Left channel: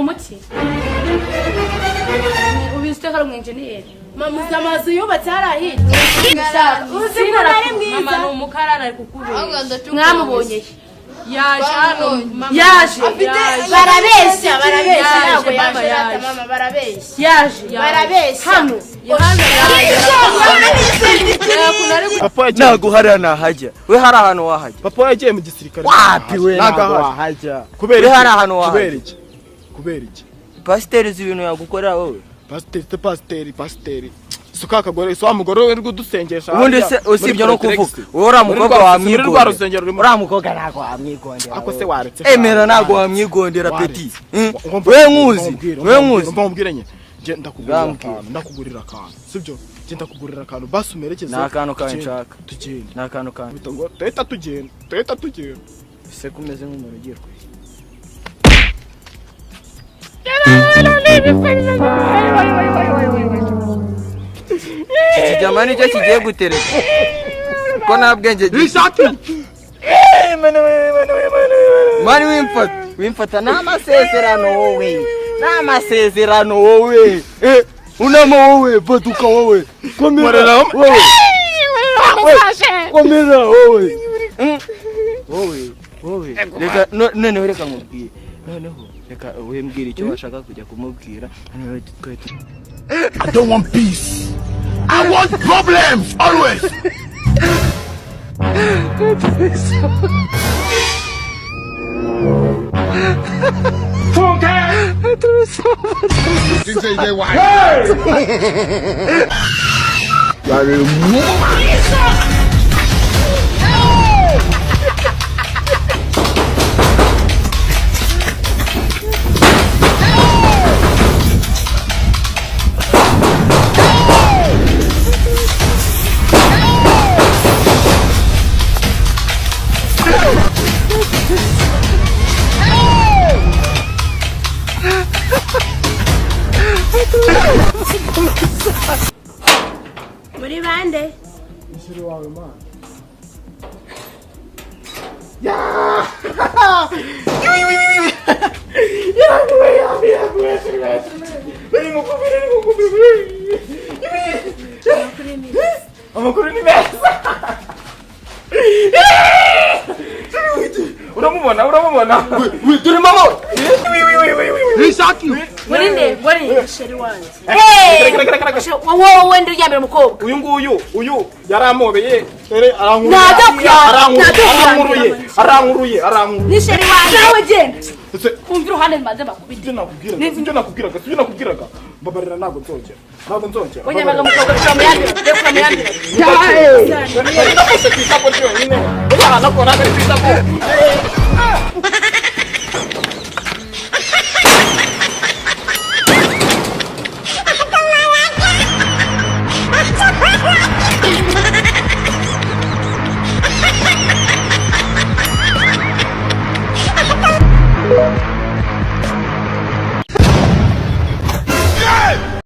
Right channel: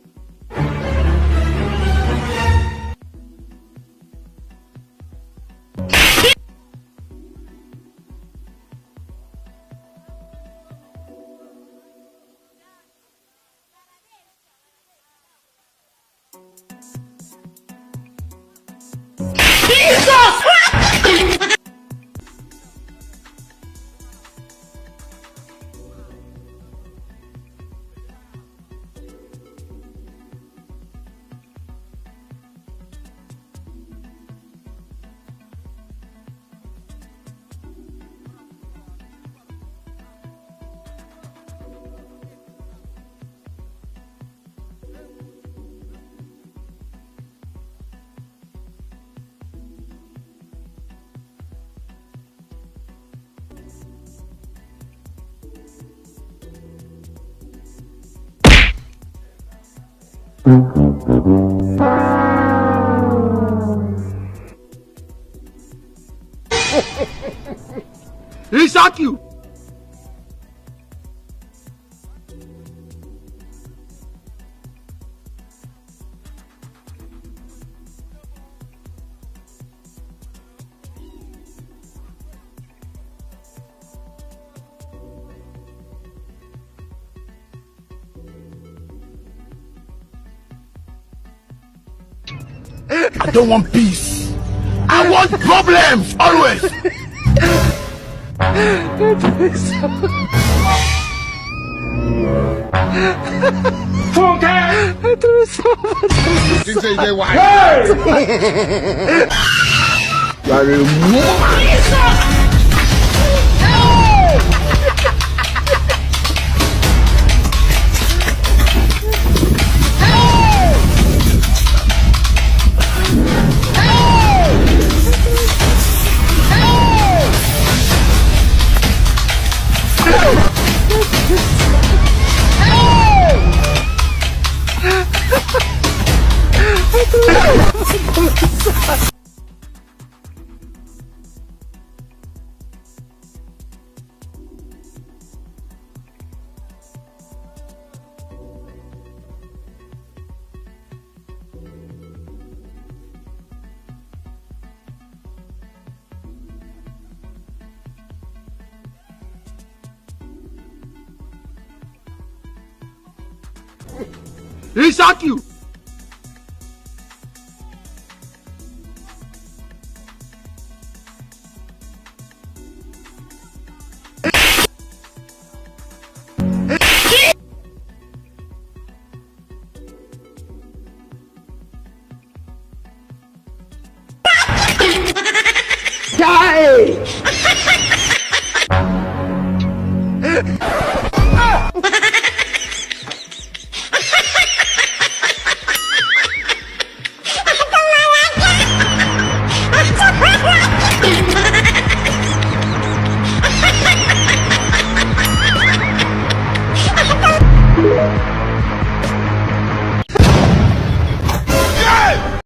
umuti ubiste karo engineer mama zamazu yubatse harahiye uzi ko ari mwiza mama no mukarara ari kukubera mwamubonye yaje barabeshya ntabwo yaje mama barabeshya hano papa ntago hari nahajya we hari ahantu wahajya papa yagiye mu gisirikare wapi we ntago wahajya kubera hari ahantu wahajya kubera iki pasiteri z'ibintu yagukorera wowe pasiteri suka kagore so amugore we rudusengesha ubundi se usibye no kuvuga ora mukobwa wamwigondera ora mukobwa ntago wamwigondera ako se waretse emera ntago wamwigondera petit we nkuzi mbambwiranye je ndakugurira akantu sibyo je ndakugurira akantu basi umerekeze nakantu kanshaka tugende nakantu kantu tuhita tugenda se kumeze nk'umuntu ugiye kwe jamani cyo kigiye gutereka ko nabwenge ishaki mani wimfata n'amasezerano wowe unamo wowe baduka wowe komera wowe komera wowe reka none reka nkubwire noneho reka wembwira icyo washaka kujya kumubwira I don't want peace. I want problems always. muri bande isiri wawe man amakuru ni meza uramubona turi mamo ishaki Murinde, sheri wanjye. Wowe ndi yamira umukobwa. Uyu yaramobeye arankuru. Arankuruye. Ni sheri wanjye nawe genda. Kumvira uhane maze bakubite. Nivyo nakubwiraga. Babarira nago nzongera. Onyamaga umukobwa cyamyandira. Yae!